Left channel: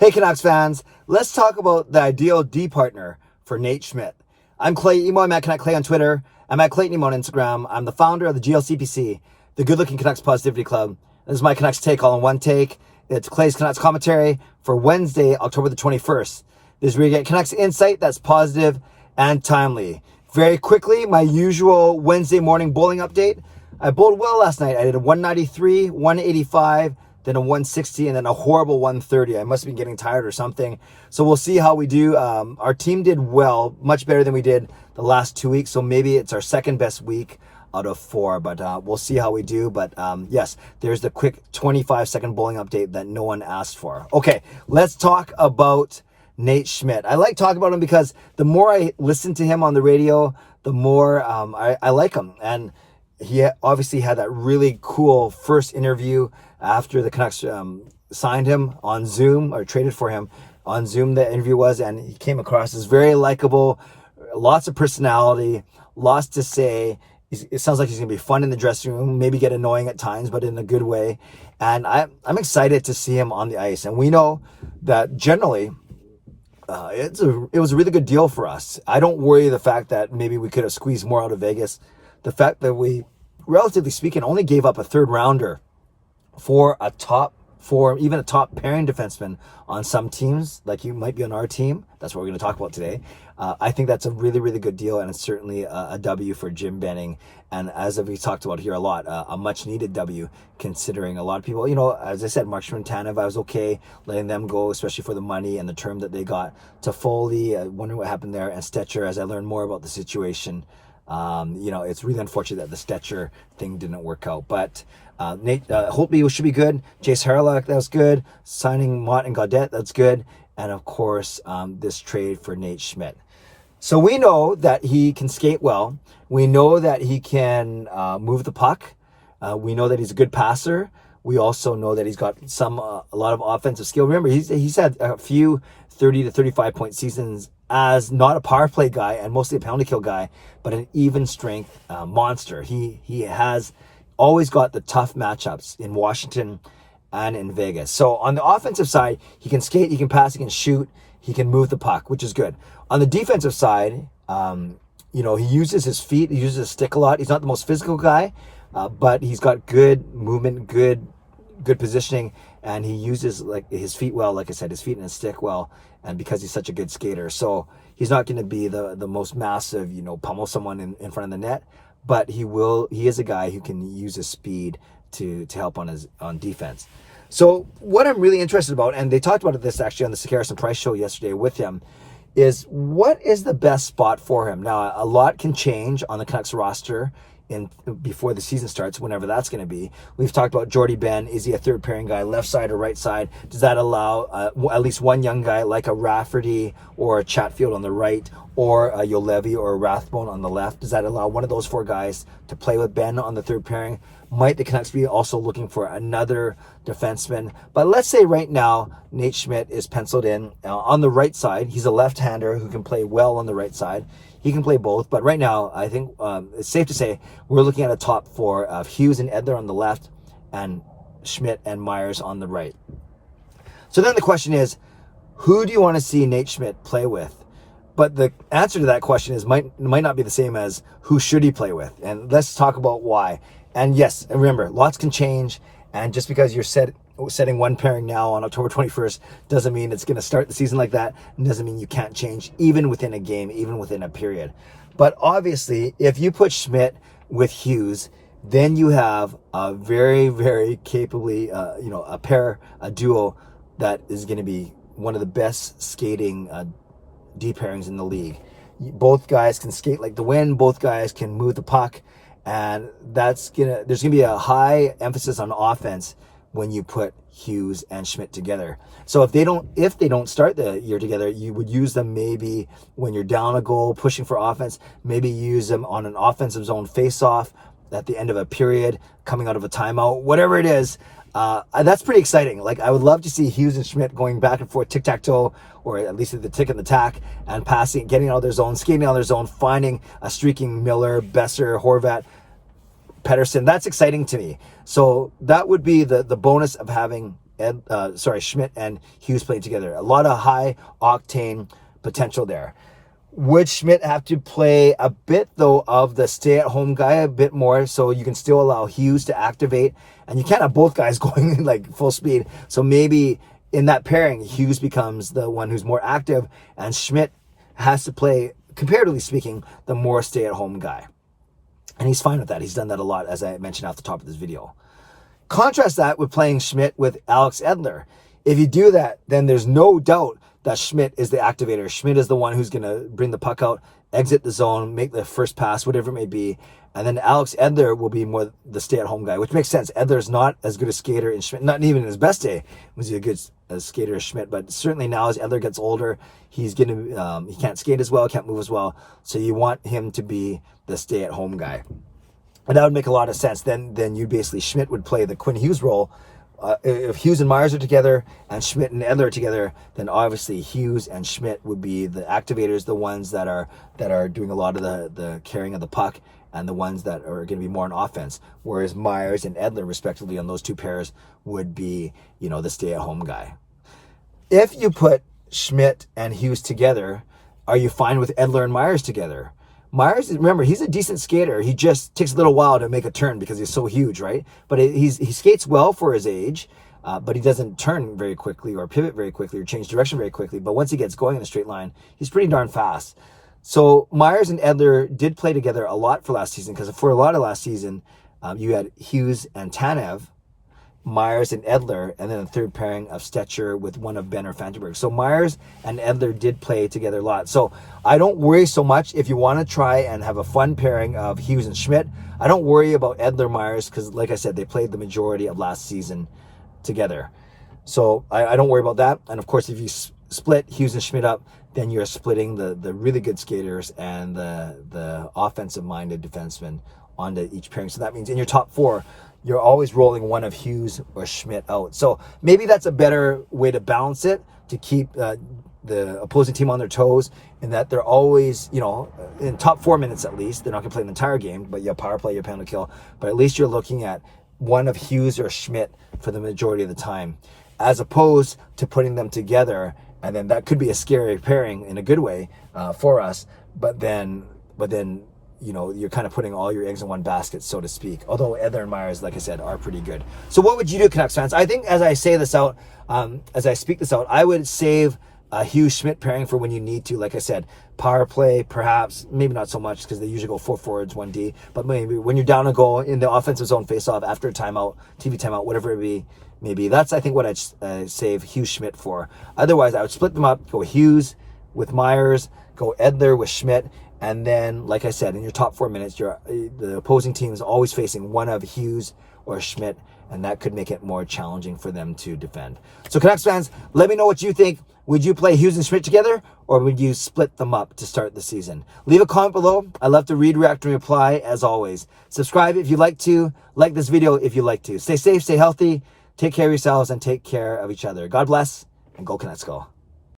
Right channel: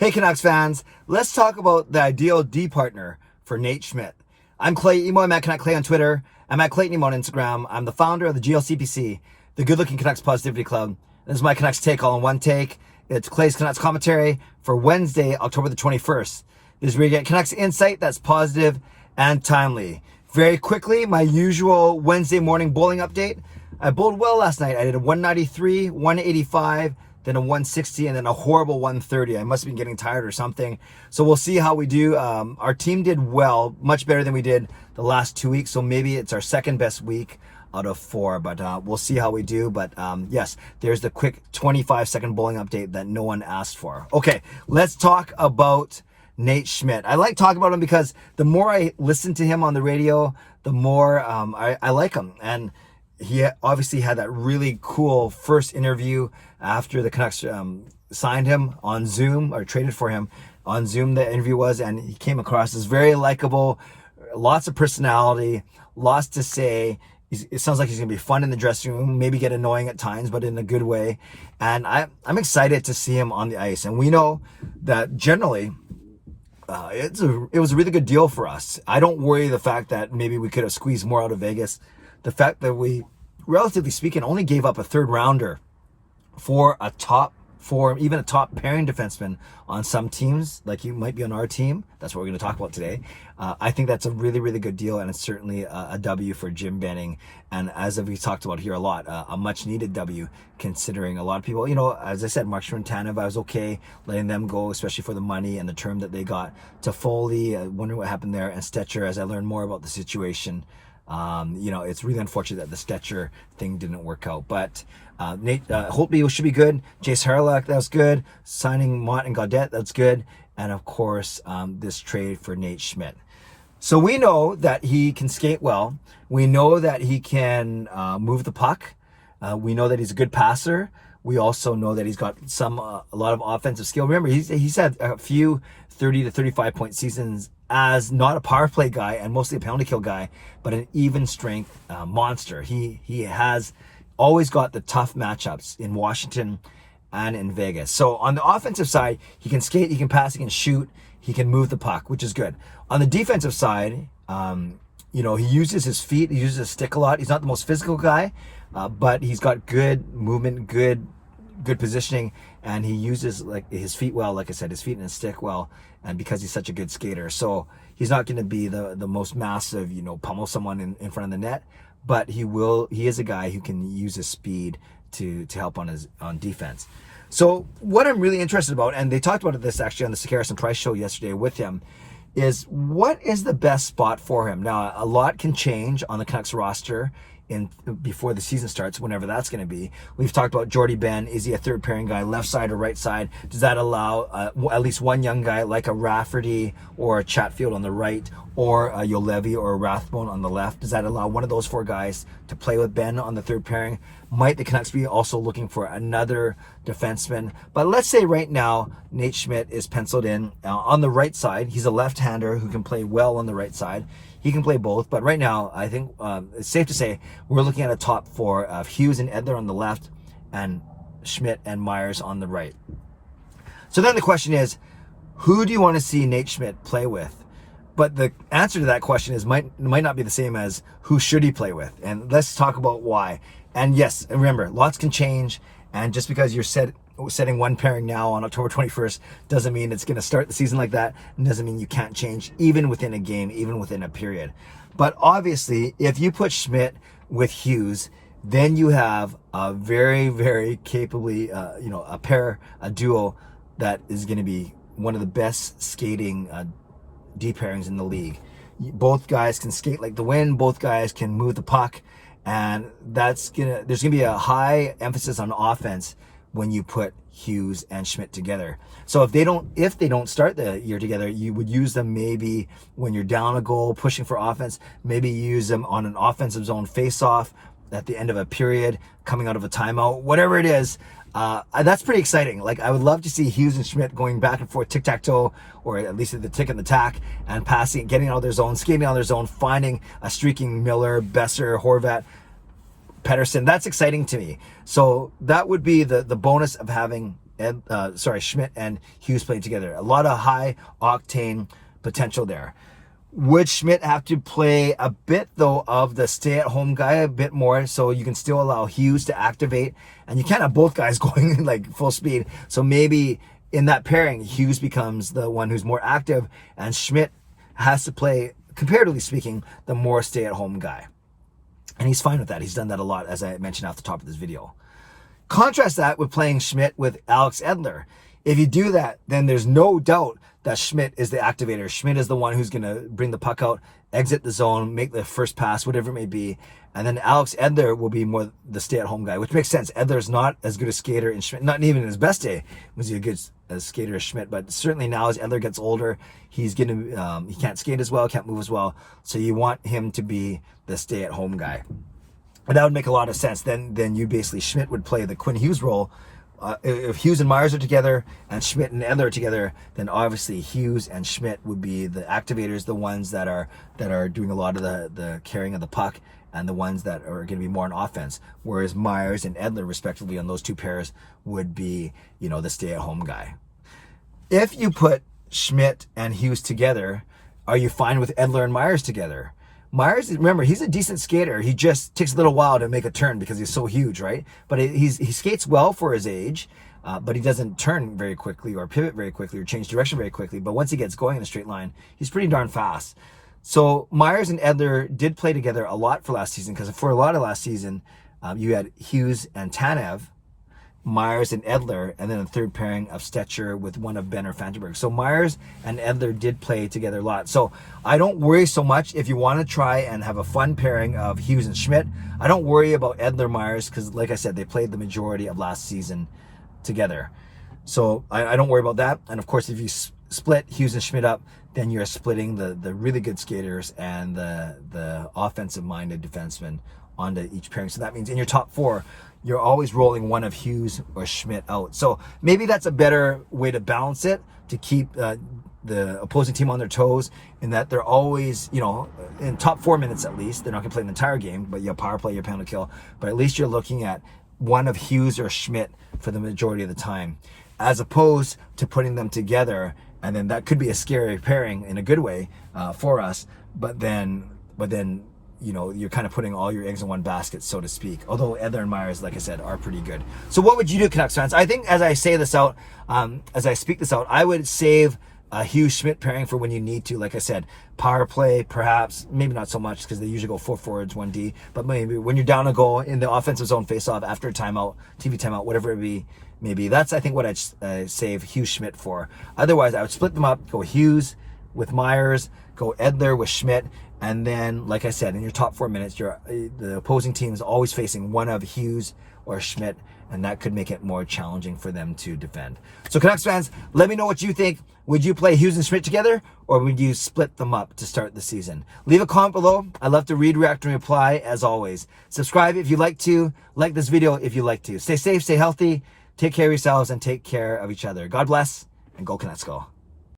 Hey Canucks fans, let's talk about the ideal D partner for Nate Schmidt. I'm Clay Emo, I'm at Canuck Clay on Twitter. I'm at Clayton Emo on Instagram. I'm the founder of the GLCPC, the Good Looking Canucks Positivity Club. This is my Canucks take all in one take. It's Clay's Canucks commentary for Wednesday, October the 21st. This is where you get Canucks insight that's positive and timely. Very quickly, my usual Wednesday morning bowling update. I bowled well last night. I did a 193, 185, then a 160, and then a horrible 130. I must have been getting tired or something. So we'll see how we do. Our team did well, much better than we did the last 2 weeks. So maybe it's our second best week out of 4, but we'll see how we do. But yes, there's the quick 25-second bowling update that no one asked for. Okay, let's talk about Nate Schmidt. I like talking about him because the more I listen to him on the radio, the more I like him. And he obviously had that really cool first interview after the Canucks signed him on Zoom, or traded for him on Zoom, the interview was, and he came across as very likable, lots of personality, lots to say. It sounds like he's going to be fun in the dressing room, maybe get annoying at times, but in a good way. And I'm excited to see him on the ice. And we know that generally it was a really good deal for us. I don't worry the fact that maybe we could have squeezed more out of Vegas. The fact that we, relatively speaking, only gave up a third rounder for even a top pairing defenseman on some teams, like you might be on our team. That's what we're going to talk about today. I think that's a really, really good deal, and it's certainly a W for Jim Benning. And as we talked about here a lot, a much needed W, considering a lot of people, as I said, Mark Tanev, I was okay letting them go, especially for the money and the term that they got. To Foley, wondering what happened there, and Stetcher, as I learned more about the situation. It's really unfortunate that the Stetcher thing didn't work out, but Nate Holtby should be good. Jace Harlock, that was good. Signing Mott and Gaudette, that's good. And of course, this trade for Nate Schmidt. So we know that he can skate well. We know that he can move the puck. We know that he's a good passer. We also know that he's got a lot of offensive skill. Remember, he's had a few 30 to 35 point seasons as not a power play guy and mostly a penalty kill guy, but an even strength monster. He has always got the tough matchups in Washington and in Vegas. So on the offensive side, he can skate, he can pass, he can shoot, he can move the puck, which is good. On the defensive side, he uses his feet, he uses his stick a lot. He's not the most physical guy, but he's got good movement, good positioning, and he uses his feet well. Like I said, his feet and his stick well, and because he's such a good skater. So he's not going to be the most massive, pummel someone in front of the net, but he is a guy who can use his speed to help on defense. So what I'm really interested about, and they talked about this actually on the Sakaris and Price show yesterday with him, is what is the best spot for him. Now, a lot can change on the Canucks roster before the season starts, whenever that's going to be. We've talked about Jordy Ben. Is he a third pairing guy, left side or right side? Does that allow at least one young guy like a Rafferty or a Chatfield on the right, or a Yolevi or a Rathbone on the left? Does that allow one of those 4 guys to play with Ben on the third pairing? Might the Canucks be also looking for another defenseman? But let's say right now, Nate Schmidt is penciled in on the right side. He's a left-hander who can play well on the right side. He can play both, but right now, I think it's safe to say we're looking at a top 4 of Hughes and Edler on the left, and Schmidt and Myers on the right. So then the question is, who do you want to see Nate Schmidt play with? But the answer to that question might not be the same as who should he play with. And let's talk about why. And yes, and remember, lots can change, and just because you're setting one pairing now on October 21st doesn't mean it's going to start the season like that, and doesn't mean you can't change even within a game, even within a period. But obviously, if you put Schmidt with Hughes, then you have a very, very capably, a duo that is going to be one of the best skating D pairings in the league. Both guys can skate like the wind. Both guys can move the puck. And there's gonna be a high emphasis on offense when you put Hughes and Schmidt together. So if they don't start the year together, you would use them maybe when you're down a goal, pushing for offense. Maybe use them on an offensive zone face-off at the end of a period, coming out of a timeout, whatever it is. That's pretty exciting. I would love to see Hughes and Schmidt going back and forth, tic-tac-toe, or at least at the tick and the tack, and passing, getting out of their zone, skating out of their zone, finding a streaking Miller, Besser, Horvat, Pettersson. That's exciting to me. So that would be the bonus of having Schmidt and Hughes playing together. A lot of high octane potential there. Would Schmidt have to play a bit, though, of the stay-at-home guy a bit more, so you can still allow Hughes to activate, and you can't have both guys going like full speed. So maybe in that pairing, Hughes becomes the one who's more active, and Schmidt has to play, comparatively speaking, the more stay-at-home guy. And he's fine with that. He's done that a lot, as I mentioned off the top of this video. Contrast that with playing Schmidt with Alex Edler. If you do that, then there's no doubt that Schmidt is the activator. Schmidt is the one who's going to bring the puck out, exit the zone, make the first pass, whatever it may be. And then Alex Edler will be more the stay-at-home guy, which makes sense. Edler's not as good a skater in Schmidt, not even in his best day was he a good skater as Schmidt, but certainly now as Edler gets older, he's going to he can't skate as well, can't move as well. So you want him to be the stay-at-home guy. And that would make a lot of sense. Then you basically, Schmidt would play the Quinn Hughes role. If Hughes and Myers are together and Schmidt and Edler are together, then obviously Hughes and Schmidt would be the activators, the ones that are doing a lot of the carrying of the puck, and the ones that are going to be more on offense. Whereas Myers and Edler, respectively, on those two pairs would be, the stay-at-home guy. If you put Schmidt and Hughes together, are you fine with Edler and Myers together? Myers, remember, he's a decent skater. He just takes a little while to make a turn because he's so huge, right? But he skates well for his age, but he doesn't turn very quickly or pivot very quickly or change direction very quickly. But once he gets going in a straight line, he's pretty darn fast. So Myers and Edler did play together a lot for last season, because for a lot of last season, you had Hughes and Tanev, Myers and Edler, and then a third pairing of Stetcher with one of Benner Fantenberg. So Myers and Edler did play together a lot. So I don't worry so much if you want to try and have a fun pairing of Hughes and Schmidt. I don't worry about Edler Myers because, like I said, they played the majority of last season together. So I don't worry about that. And of course, if you split Hughes and Schmidt up, then you're splitting the really good skaters and the offensive-minded defensemen onto each pairing. So that means in your top four, you're always rolling one of Hughes or Schmidt out. So maybe that's a better way to balance it, to keep the opposing team on their toes, in that they're always, in top 4 minutes at least. They're not going to play an entire game, but you have power play, your penalty kill. But at least you're looking at one of Hughes or Schmidt for the majority of the time, as opposed to putting them together. And then that could be a scary pairing in a good way for us. But then you're kind of putting all your eggs in one basket, so to speak. Although Edler and Myers, like I said, are pretty good. So what would you do, Canucks fans? I think as I say this out, as I speak this out, I would save a Hughes-Schmidt pairing for when you need to. Like I said, power play, perhaps, maybe not so much because they usually go 4 forwards, 1D. But maybe when you're down a goal in the offensive zone face-off after a timeout, TV timeout, whatever it be, maybe. That's, I think, what I'd save Hughes-Schmidt for. Otherwise, I would split them up, go Hughes with Myers, go Edler with Schmidt. And then, like I said, in your top 4 minutes, the opposing team is always facing one of Hughes or Schmidt, and that could make it more challenging for them to defend. So Canucks fans, let me know what you think. Would you play Hughes and Schmidt together, or would you split them up to start the season? Leave a comment below. I love to read, react, and reply, as always. Subscribe if you'd like to. Like this video if you'd like to. Stay safe, stay healthy, take care of yourselves, and take care of each other. God bless, and go Canucks go.